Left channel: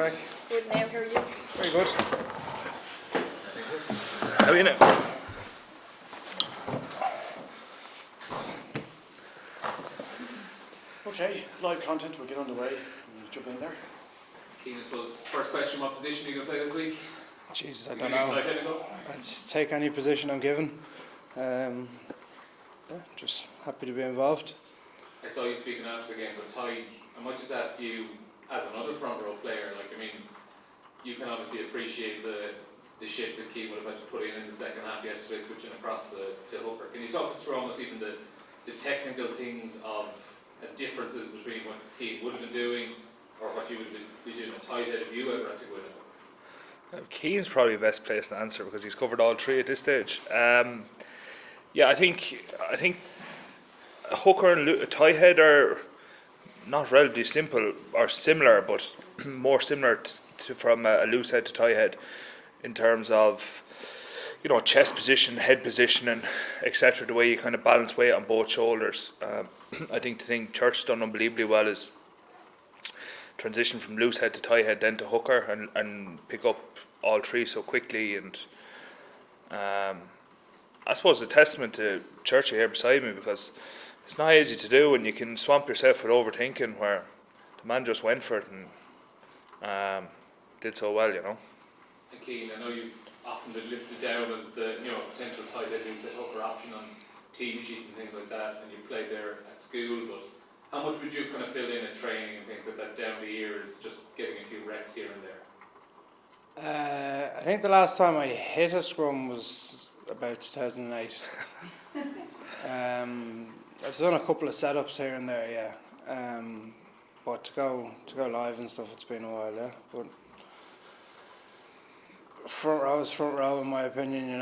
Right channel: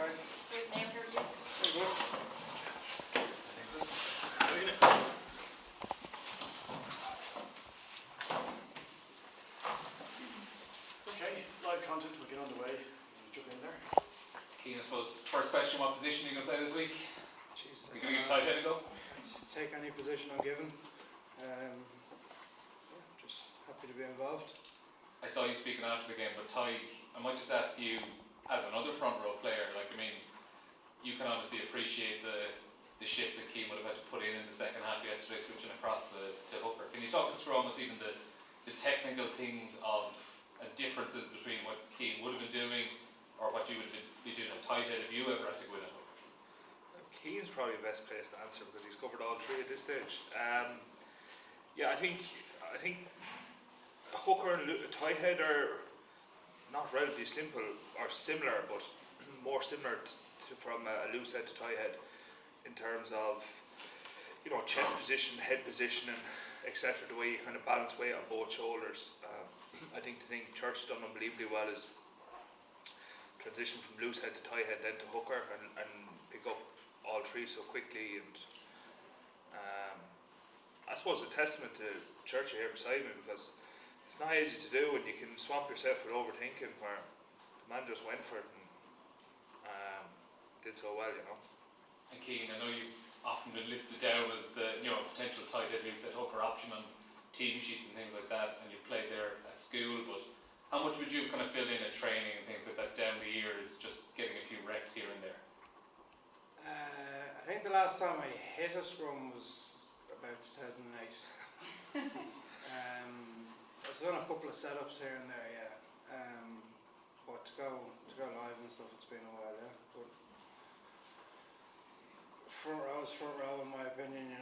crack? Good now, how are you? Very good. How are you now? Okay, live content, we'll get underway and jump in there. Cian, I suppose, first question, what position are you going to play this week? Jesus, I don't know. I'll just take any position I'm given. Just happy to be involved. I saw you speaking after the game, but Tadhg, I might just ask you, as another front row player, you can obviously appreciate the shift that Cian would have had to put in the second half yesterday, switching across to hooker. Can you talk us through almost even the technical things of differences between what Cian would have been doing or what you would be doing at tight head if you ever had to go in? Cian's probably the best place to answer because he's covered all three at this stage. I think a hooker and a tight head are not relatively simple or similar, but more similar from a loose head to tight head in terms of chest position, head position, and etc. The way you kind of balance weight on both shoulders. I think the thing Church's done unbelievably well is transition from loose head to tight head, then to hooker, and pick up all three so quickly. And I suppose it's a testament to Churchy here beside me because it's not easy to do, and you can swamp yourself with overthinking. Where the man just went for it and did so well, And Cian, I know you've often been listed down as the potential tight head loose head hooker option on team sheets and things like that, and you played there at school, but how much would you have kind of filled in at training and things like that down the years, just getting a few reps here and there? I think the last time I hit a scrum was about 2008. I've done a couple of setups here and there, yeah. But to go live and stuff, it's been a while, yeah. But front row in my opinion.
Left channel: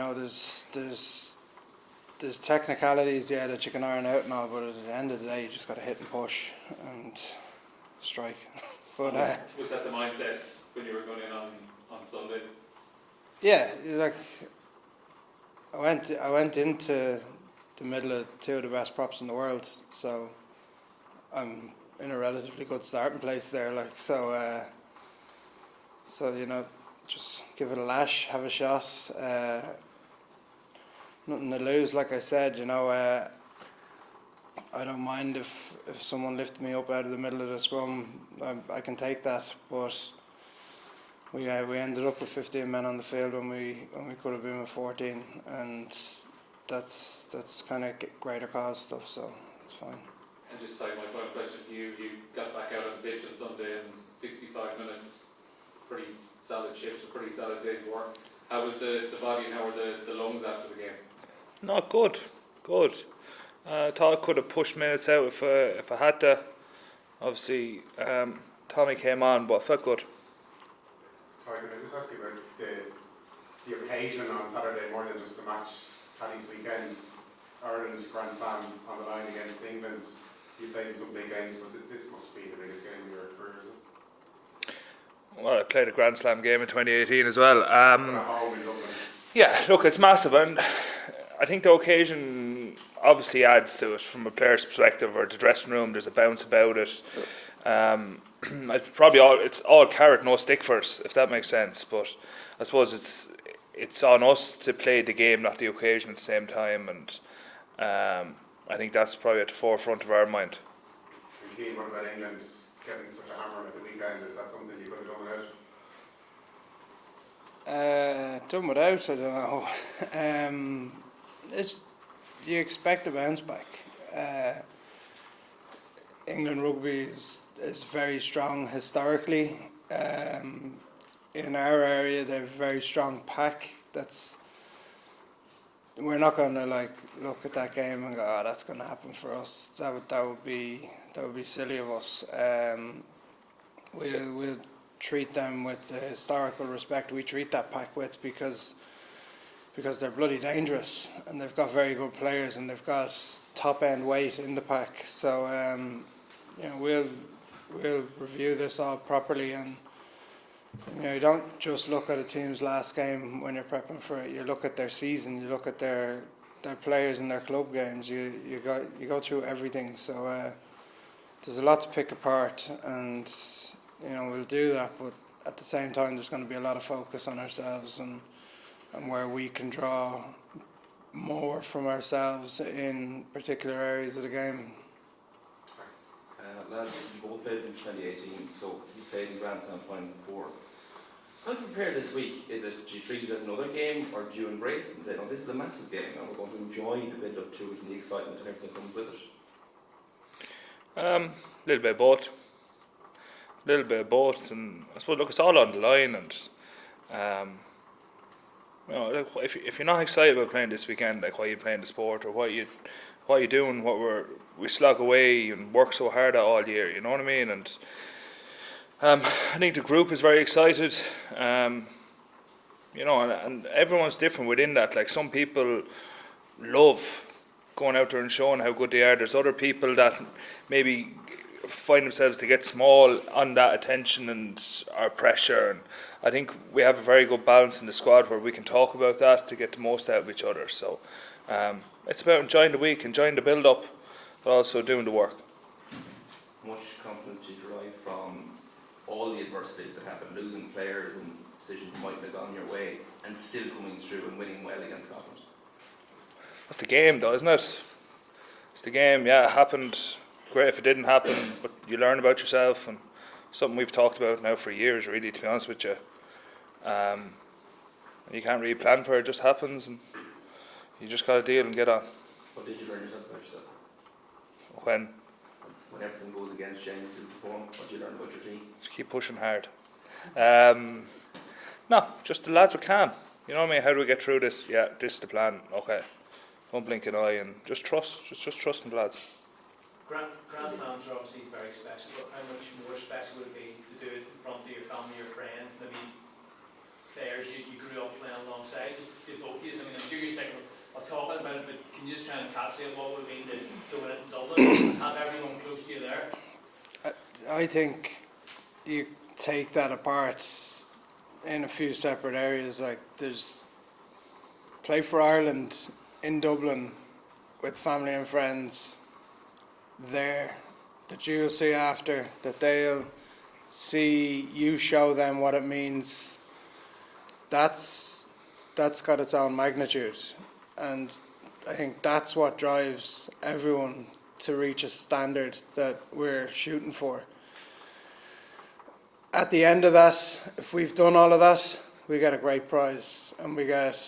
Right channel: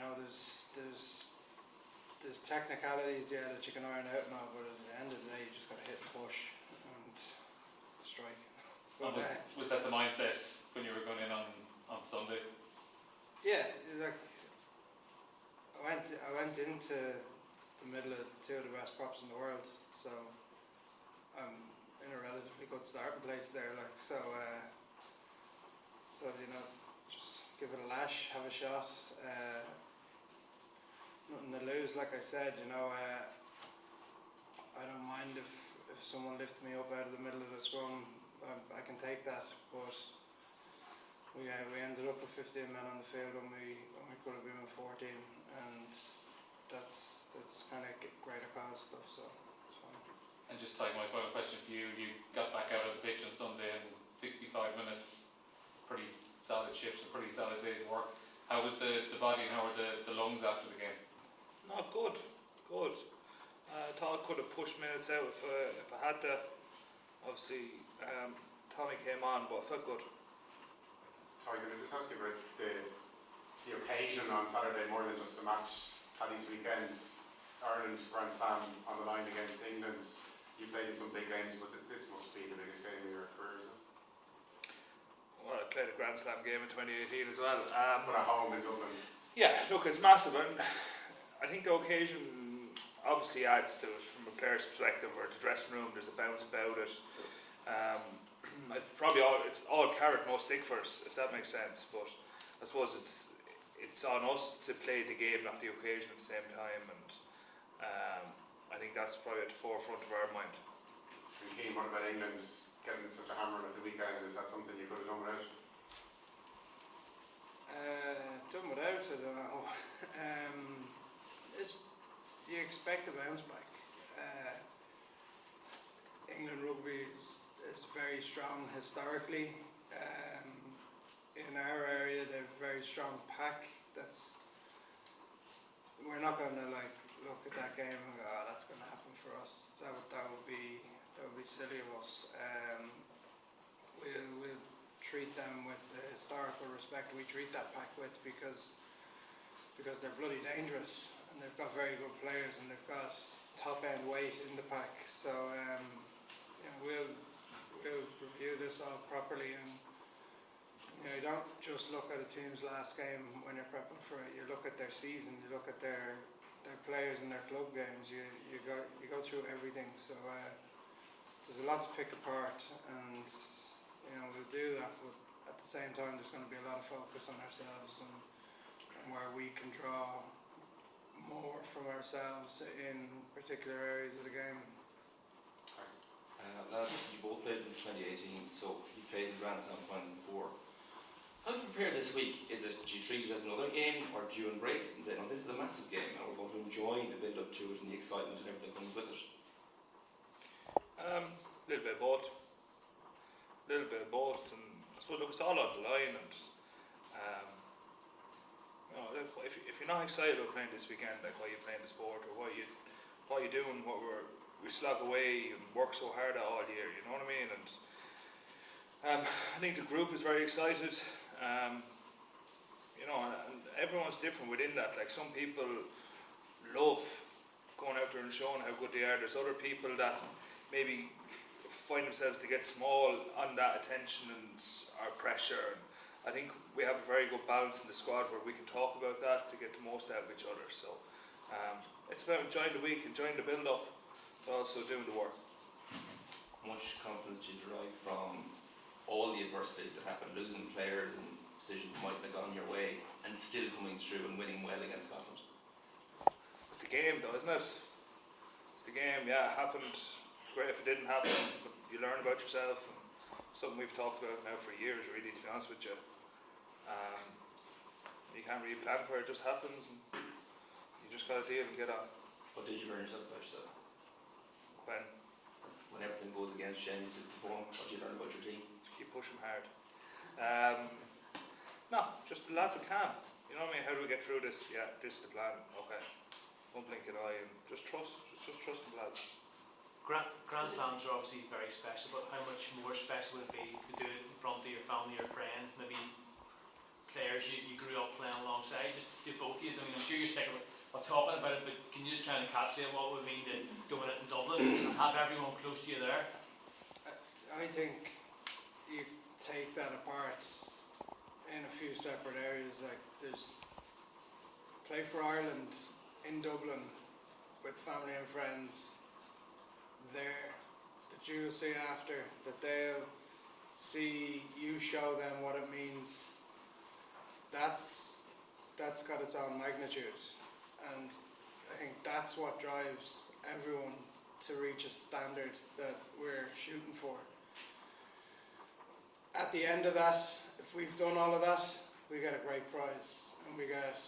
There's technicalities, yeah, that you can iron out and all, but at the end of the day, you just got to hit and push and strike. But was that the mindset when you were going in on Sunday? Yeah, I went into the middle of two of the best props in the world, so I'm in a relatively good starting place there. Just give it a lash, have a shot. Nothing to lose, like I said. I don't mind if someone lifts me up out of the middle of the scrum. I can take that, but we ended up with 15 men on the field when we could have been with 14, and that's kind of greater cause stuff, so it's fine. And just Tadhg, my final question for you. You got back out on the pitch on Sunday in 65 minutes. Pretty solid shift, a pretty solid day's work. How was the body and how were the lungs after the game? Not good. Thought I could have pushed minutes out if I had to. Obviously, Tommy came on, but I felt good. Tadhg, can I just ask you about the occasion on Saturday more than just the match? Paddy's weekend, Ireland Grand Slam on the line against England. You played some big games, but this must be the biggest game of your career, is it? Well, I played a Grand Slam game in 2018 as well. At home in Dublin. Yeah, look, it's massive, and I think the occasion obviously adds to it from a player's perspective, or the dressing room. There's a bounce about it. It's all carrot, no stick for us, if that makes sense. But I suppose it's on us to play the game, not the occasion, at the same time. And I think that's probably at the forefront of our mind. And Cian, what about England getting such a hammer at the weekend? Is that something you could have done without? Done without, I don't know. You expect a bounce back. England rugby is very strong historically. In our area, they're a very strong pack. We're not going to look at that game and go, "Oh, that's going to happen for us." That would be silly of us. We'll treat them with the historical respect we treat that pack with, because they're bloody dangerous and they've got very good players and they've got top end weight in the pack. So we'll review this all properly, and you don't just look at a team's last game when you're prepping for it. You look at their season, you look at their players in their club games. You go through everything. So there's a lot to pick apart, and we'll do that. But at the same time, there's going to be a lot of focus on ourselves and where we can draw more from ourselves in particular areas of the game. Lads, you both played in 2018, so you played in Grand Slam finals before. How do you prepare this week? Is it, do you treat it as another game, or do you embrace it and say, no, this is a massive game and we're going to enjoy the build up to it and the excitement and everything that comes with it? Little bit of both. Little bit of both, and I suppose, look, it's all on the line, and you know, like, if you're not excited about playing this weekend, like, why are you playing the sport, or what are you doing what we slog away and work so hard at all year, you know what I mean? And I think the group is very excited, you know, and everyone's different within that. Like, some people love going out there and showing how good they are. There's other people that maybe find themselves to get small on that attention and our pressure, and I think we have a very good balance in the squad where we can talk about that to get the most out of each other. So it's about enjoying the week, enjoying the build up, but also doing the work. How much confidence do you derive from all the adversity that happened, losing players and decisions might have gone your way, and still coming through and winning well against Scotland? That's the game, though, isn't it? It's the game. Yeah, it happened. Great if it didn't happen, but you learn about yourself, and something we've talked about now for years, really, to be honest with you. And you can't really plan for it; it just happens, and you just got to deal and get on. What did you learn yourself about yourself? When Everything goes against you and you still perform, what do you learn about your team? just keep pushing hard. No, just the lads are calm. You know what I mean? How do we get through this? Yeah, this is the plan. Okay, don't blink an eye, and just trust. Just trust in the lads. Grand Slams are obviously very special, but how much more special would it be to do it in front of your family or friends, maybe players you grew up playing alongside? Do both of you? I mean, I'm sure you're sick of talking about it, but can you just try and encapsulate what it would mean to do it in Dublin and have everyone close to you there? I think you take that apart in a few separate areas. Like, there's play for Ireland in Dublin with family and friends there that you'll see after, that they'll see you show them what it means. That's got its own magnitude, and I think that's what drives everyone to reach a standard that we're shooting for. At the end of that, if we've done all of that, we get a great prize and we get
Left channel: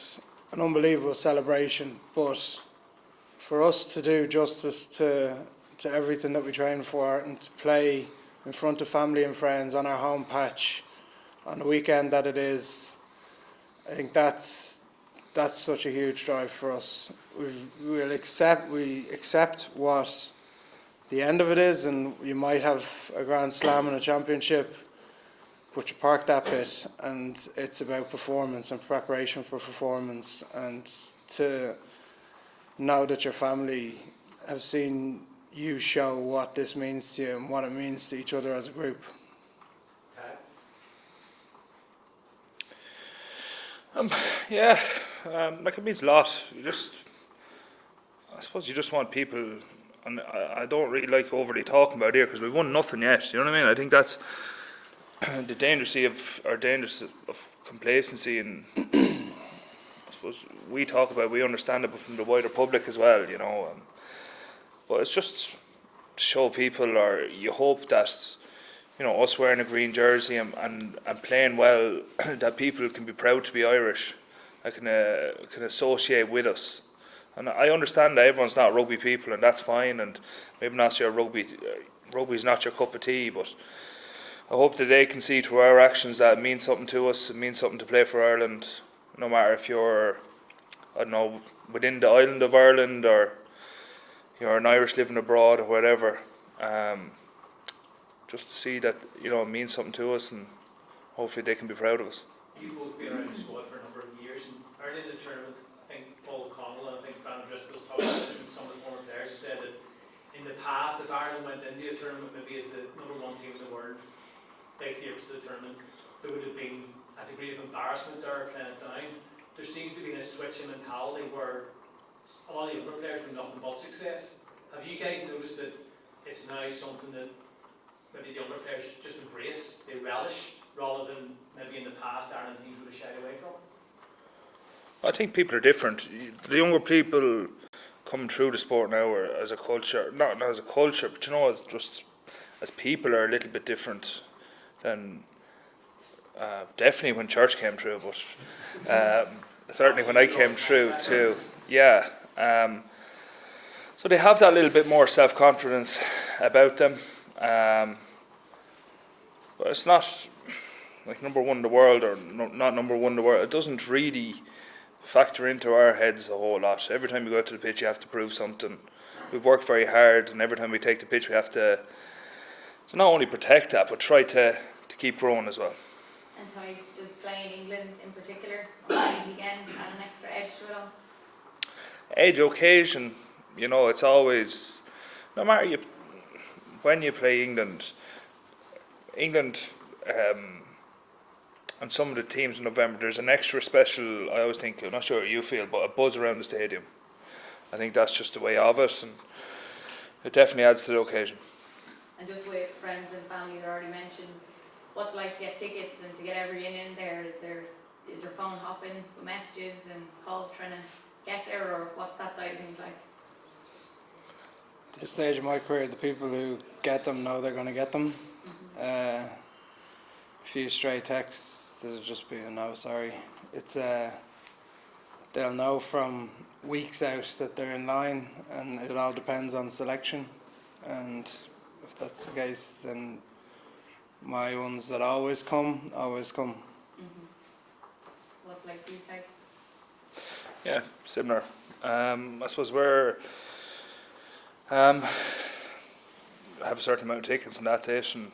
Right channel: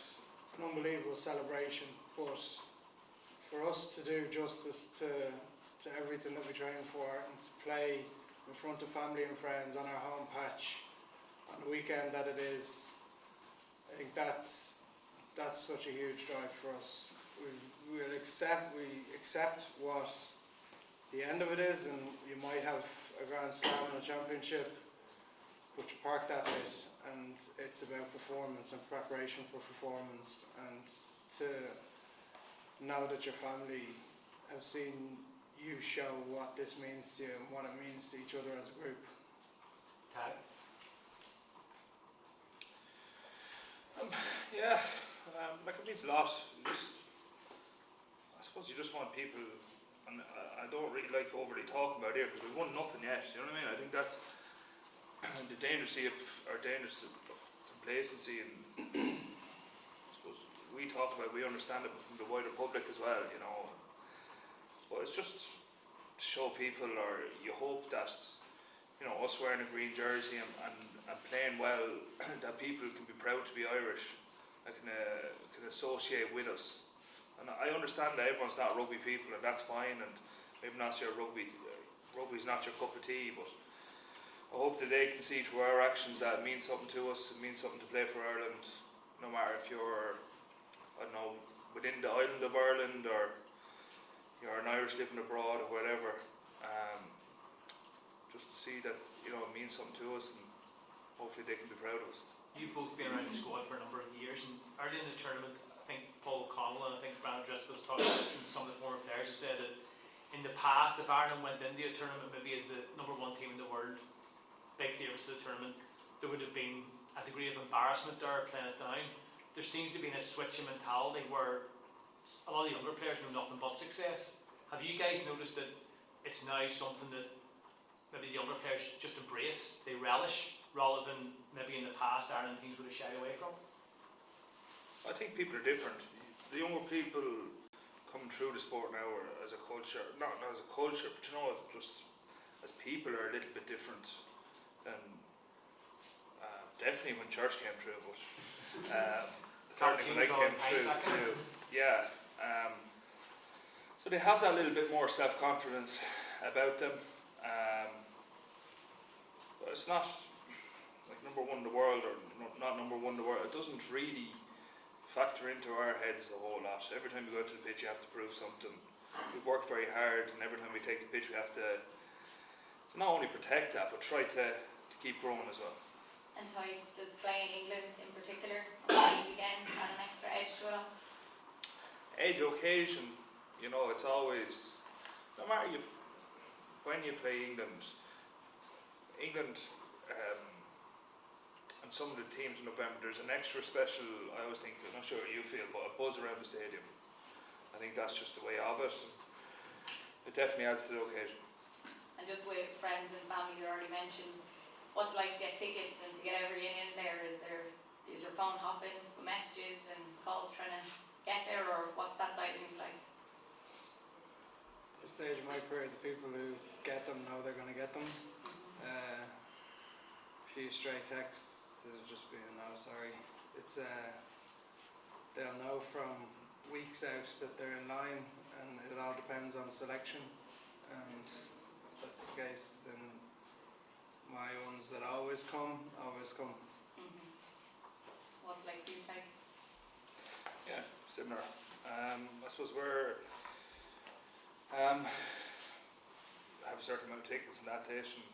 an unbelievable celebration. But for us to do justice to everything that we train for and to play in front of family and friends on our home patch on the weekend that it is, I think that's such a huge drive for us. We accept what the end of it is, and you might have a Grand Slam and a championship, but you park that bit, and it's about performance and preparation for performance, and to know that your family have seen you show what this means to you and what it means to each other as a group. Yeah, like, it means a lot. I suppose you just want people, and I don't really like overly talking about it here because we've won nothing yet. You know what I mean? I think that's the danger of complacency, and I suppose we talk about, we understand it, but from the wider public as well, you know. But it's just to show people, or you hope that, you know, us wearing a green jersey and playing well, that people can be proud to be Irish, that can associate with us. And I understand that everyone's not rugby people, and that's fine, and maybe not your rugby's not your cup of tea, but I hope that they can see through our actions that it means something to us, it means something to play for Ireland, no matter if you're, I don't know, within the island of Ireland, or you're an Irish living abroad, or whatever. Just to see that, you know, it means something to us, and hopefully they can be proud of us. You've both been around the squad for a number of years, and early in the tournament, I think Paul Connell and I think Brandon Driscoll's talked about this, and some of the former players have said that in the past, if Ireland went into a tournament maybe as the number one team in the world, big favourites of the tournament, there would have been a degree of embarrassment there playing it down. There seems to be a switch in mentality where a lot of the younger players have nothing but success. Have you guys noticed that it's now something that maybe the younger players just embrace, they relish, rather than maybe in the past Ireland teams would have shied away from? I think people are different. The younger people coming through the sport now are, as a culture, not as a culture, but you know, as people are a little bit different than definitely when church came through, but certainly when I came through too. Yeah. So they have that little bit more self-confidence about them. But it's not like number one in the world or not number one in the world. It doesn't really factor into our heads a whole lot. Every time you go out to the pitch, you have to prove something. We've worked very hard, and every time we take the pitch, we have to not only protect that, but try to keep growing as well. And Tadhg, does playing England in particular, or any weekend, add an extra edge to it all? Edge, occasion, you know, it's always, no matter when you play England, and some of the teams in November, there's an extra special, I always think, I'm not sure how you feel, but a buzz around the stadium. I think that's just the way of it, and it definitely adds to the occasion. And just with friends and family that already mentioned, what's it like to get tickets and to get everyone in there? Is your phone hopping with messages and calls trying to get there, or what's that side of things like? At this stage of my career, the people who get them know they're going to get them. A few stray texts, there'll just be a no, sorry. It's they'll know from weeks out that they're in line, and it all depends on selection. And if that's the case, then my ones that always come. What's it like for you, Tadhg? Yeah, similar. I suppose we're have a certain amount of tickets, and that's it. And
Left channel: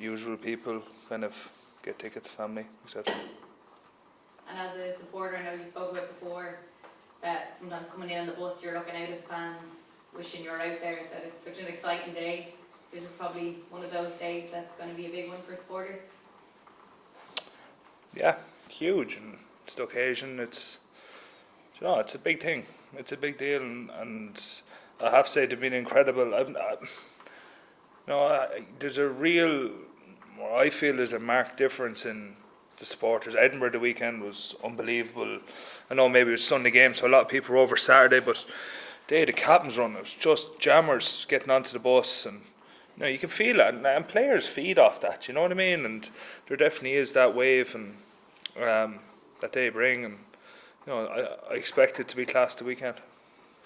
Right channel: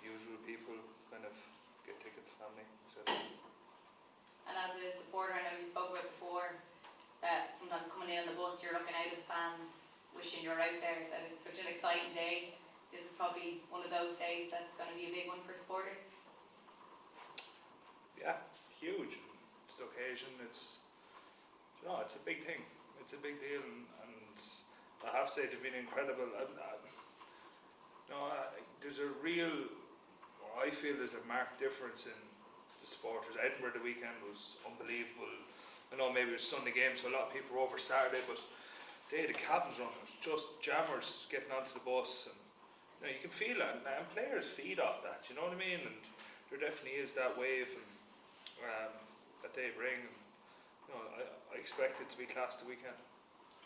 usual people kind of get tickets, family, etc. And as a supporter, I know you spoke about before that sometimes coming in on the bus, you're looking out at the fans, wishing you're out there, that it's such an exciting day. This is probably one of those days that's going to be a big one for supporters. Yeah, huge, and it's the occasion. It's, you know, it's a big thing. It's a big deal, and I have to say they've been incredible. There's a real, or I feel there's a marked difference in the supporters. Edinburgh the weekend was unbelievable. I know maybe it was Sunday game, so a lot of people were over Saturday, but they had the captain's run. It was just jammers getting onto the bus, and you know, you can feel that, and players feed off that. You know what I mean? And there definitely is that wave, and that they bring, and you know, I expect it to be class the weekend.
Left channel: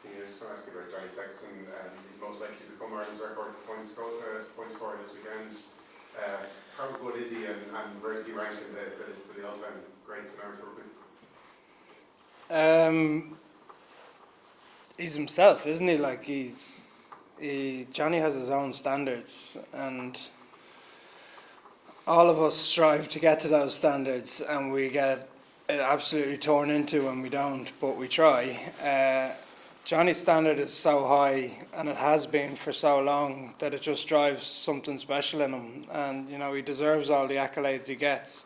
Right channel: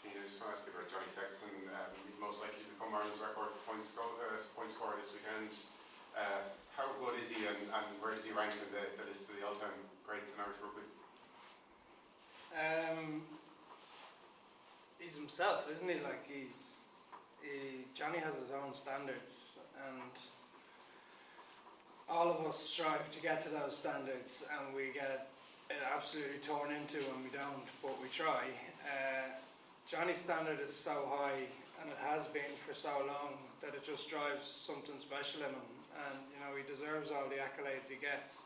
Yeah, I just want to ask you about Johnny Sexton. He's most likely to become Ireland's record point scorer this weekend. How good is he, and where does he rank in the list of the all-time greats in Irish rugby? He's himself, isn't he? Like Johnny has his own standards, and all of us strive to get to those standards, and we get it absolutely torn into when we don't, but we try. Johnny's standard is so high, and it has been for so long, that it just drives something special in him. And you know, he deserves all the accolades he gets,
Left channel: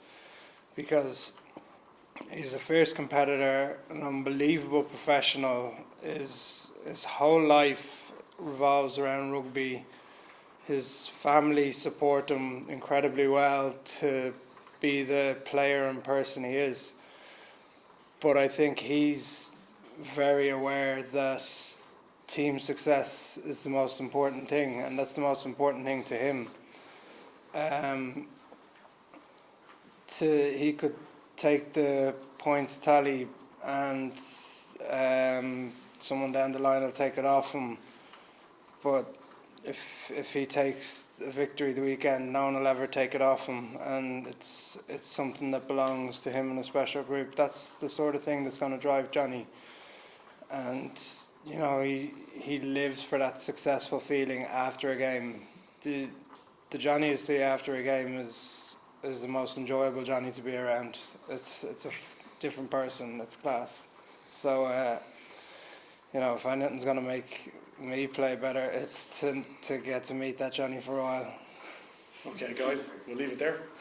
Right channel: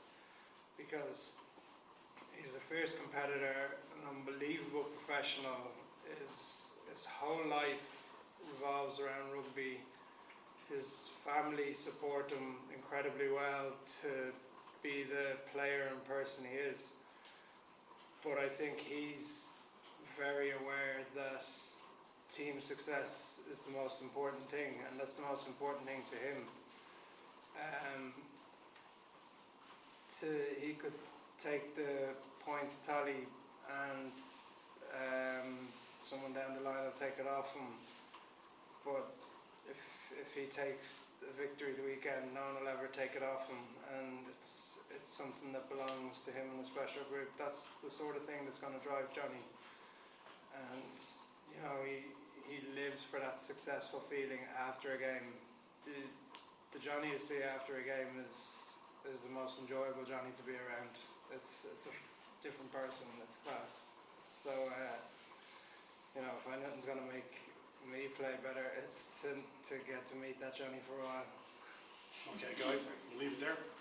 because he's a fierce competitor, an unbelievable professional. His whole life revolves around rugby. His family support him incredibly well to be the player and person he is. But I think he's very aware that team success is the most important thing, and that's the most important thing to him. He could take the points tally, and someone down the line will take it off him. But if he takes a victory the weekend, no one will ever take it off him, and it's something that belongs to him in a special group. That's the sort of thing that's going to drive Johnny. And you know, he lives for that successful feeling after a game. The Johnny you see after a game is the most enjoyable Johnny to be around. It's a different person. It's class. So you know, if anything's going to make me play better, it's to get to meet that Johnny for a while. Okay, guys, we'll leave it there. Thank